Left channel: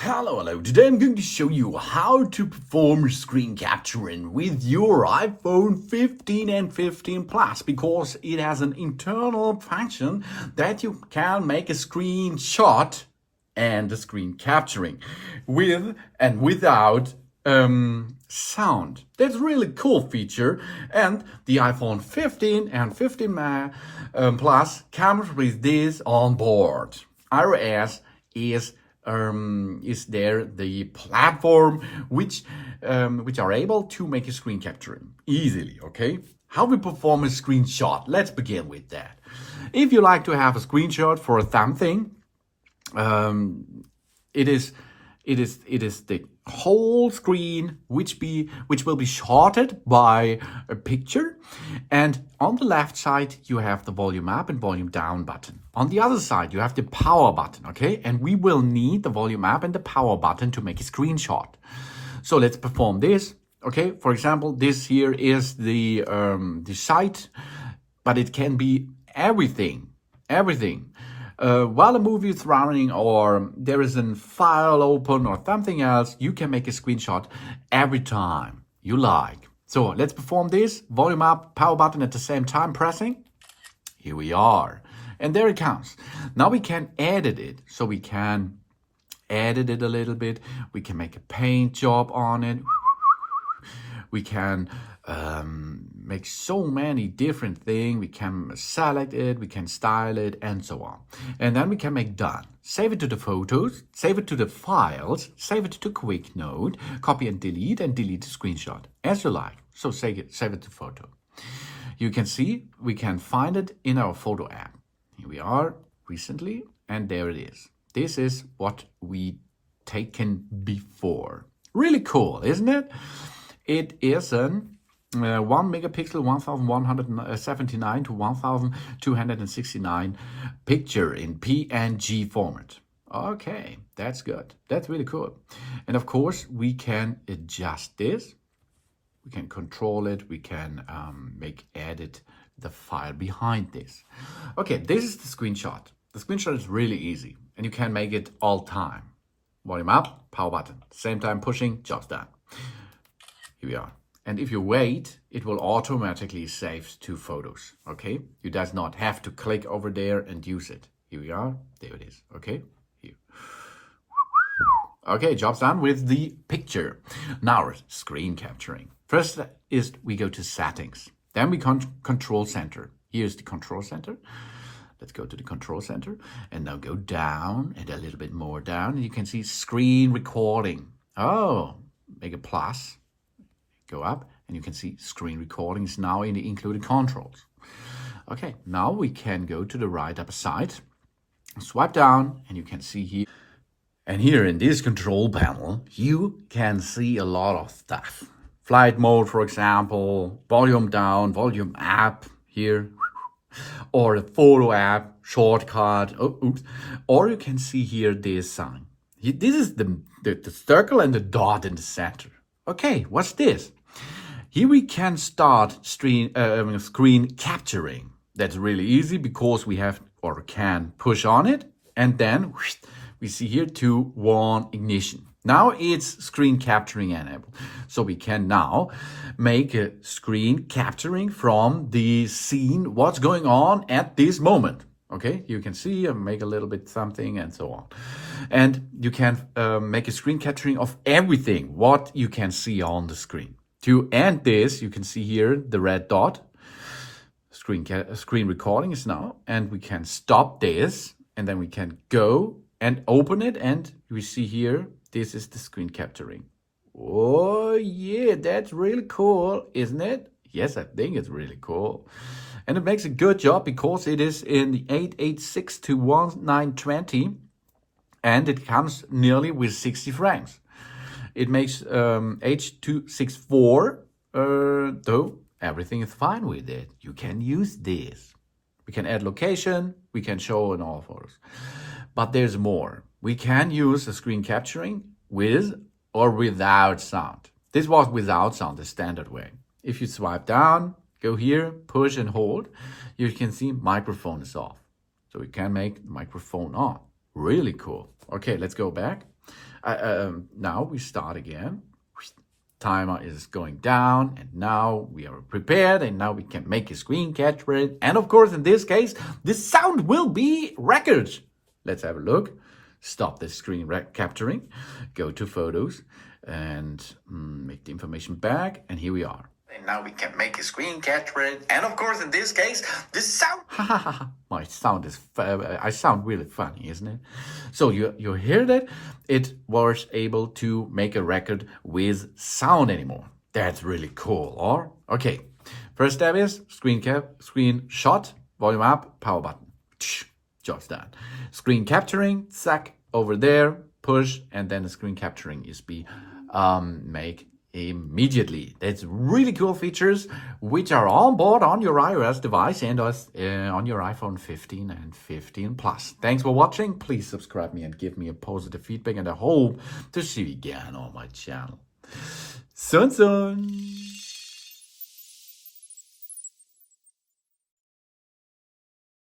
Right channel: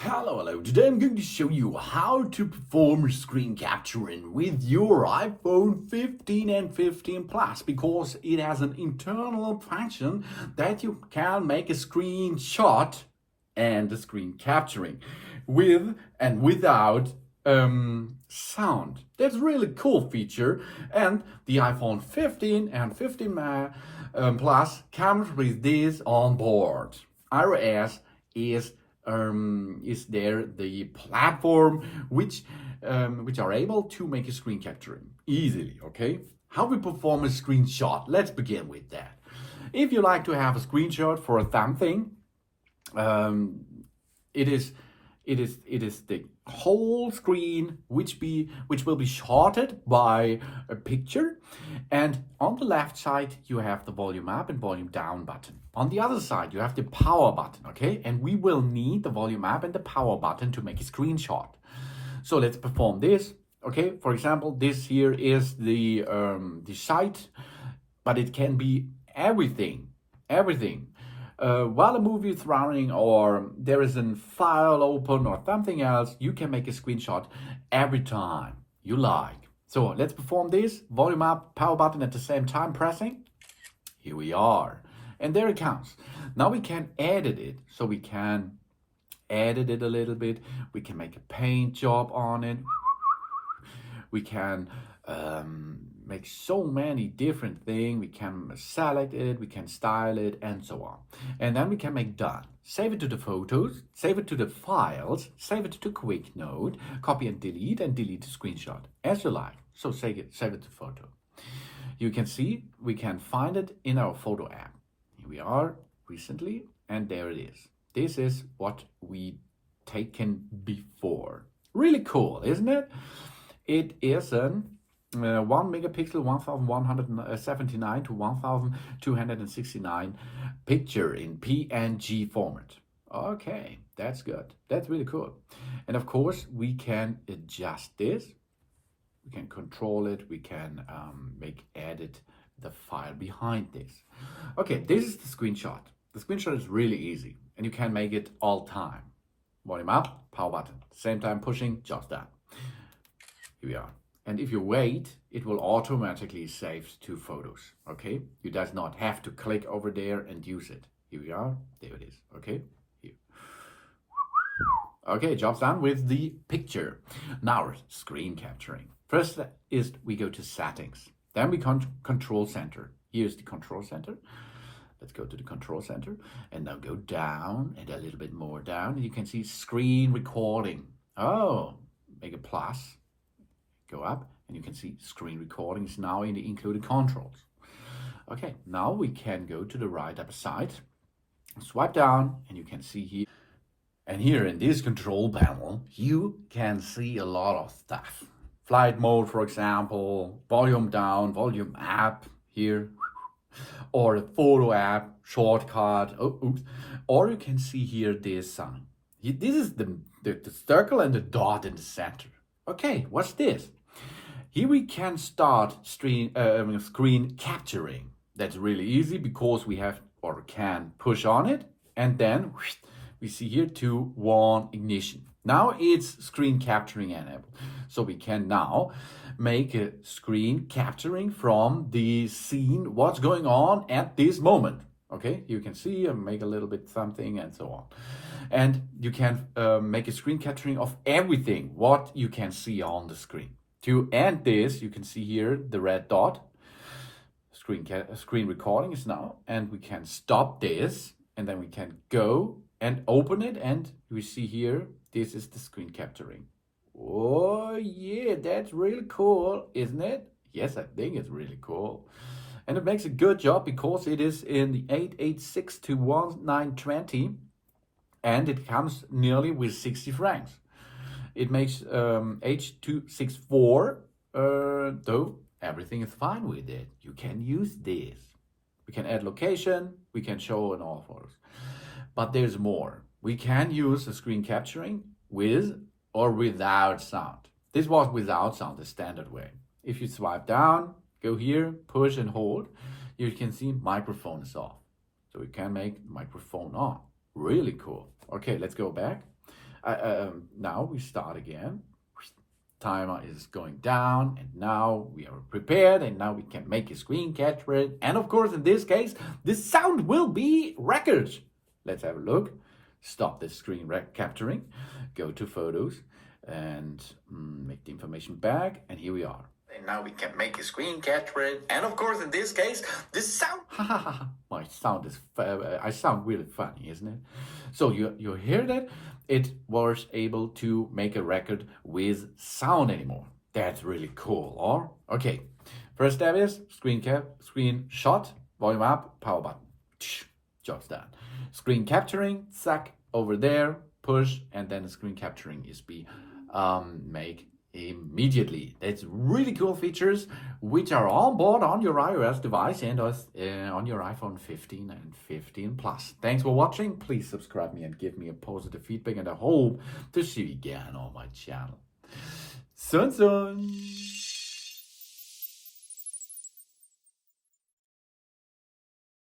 Hello. Today I'm going to show you how to perform screen capturing with your iPhone 15 and 15 Plus because it has an internal function that you can make a screenshot and a screen capturing with and without sound. That's a really cool feature, and the iPhone 15 and 15 Plus comes with this on board. iOS is there the platform which are able to make a screen capturing easily. Okay, how we perform a screenshot? Let's begin with that. If you like to have a screenshot for something, it is the whole screen which will be shorted by a picture, and on the left side you have the volume up and volume down button. On the other side you have the power button. Okay, and we will need the volume up and the power button to make a screenshot. So let's perform this. Okay, for example, this here is the site, but it can be everything. While a movie is running or there is a file open or something else, you can make a screenshot every time you like. So let's perform this. Volume up, power button at the same time pressing. Here we are. And there it comes. Now we can edit it. So we can edit it a little bit. We can make a paint job on it. We can make so many different things. We can select it, we can style it, and so on. And then we can make done. Save it to the photos, save it to the files, save it to quick note, copy and delete the screenshot as you like. So save it to photo. You can see we can find it in our photo app. Here we are recently, and there it is. This is what we taken before. Really cool, isn't it? It is an 1 megapixel 1179 to 1269 picture in PNG format. Okay, that's good. That's really cool. And of course, we can adjust this. We can control it. We can edit the file behind this. Okay, this is the screenshot. The screenshot is really easy, and you can make it all time. Volume up, power button. Same time pushing, job's done. Here we are. And if you wait, it will automatically save to photos. Okay, you does not have to click over there and use it. Here we are. There it is. Okay, here. Okay, job's done with the picture. Now screen capturing. First is we go to settings. Then we control center. Here's the control center. Let's go to the control center and now go down and a little bit more down. And you can see screen recording. Oh, make a plus. Go up and you can see screen recordings now in the included controls. Okay, now we can go to the right upper side, swipe down, and you can see here. And here in this control panel, you can see a lot of stuff. Flight mode, for example, volume down, volume up here, or a photo app, shortcut, or you can see here this sign. This is the circle and the dot in the center. Okay, what's this? Here we can start screen capturing. That's really easy because we have or can push on it, and then we see here 2, 1 ignition. Now it's screen capturing enabled. So we can now make a screen capturing from the scene, what's going on at this moment. Okay, you can see and make a little bit something and so on. And you can make a screen capturing of everything, what you can see on the screen. To end this, you can see here the red dot. Screen recording is now, and we can stop this, and then we can go and open it, and we see here, this is the screen capturing. Oh yeah, that's really cool, isn't it? Yes, I think it's really cool. And it makes a good job because it is in the 886 to 1920, and it comes nearly with 60 frames. It makes H.264, though everything is fine with it. You can use this. We can add location, we can show in all photos. But there's more. We can use the screen capturing with or without sound. This was without sound, the standard way. If you swipe down, go here, push and hold, you can see microphone is off. So we can make the microphone on. Really cool. Okay, let's go back. Now we start again. Timer is going down, and now we are prepared, and now we can make a screen capture. And of course, in this case, the sound will be record. Let's have a look. Stop the screen capturing, go to photos, and make the information back, and here we are. And now we can make a screen capture. And of course, in this case, the sound. My sound is. I sound really funny, isn't it? So you hear that? It was able to make a record with sound anymore. That's really cool. Or okay, first step is screen shot, volume up, power button. Job's done. Screen capturing, sack over there, push, and then the screen capturing is make immediately. That's really cool features which are on board on your iOS device and on your iPhone 15 and 15 Plus. Thanks for watching. Please subscribe me and give me a positive feedback, and I hope to see you again on my channel. Soon.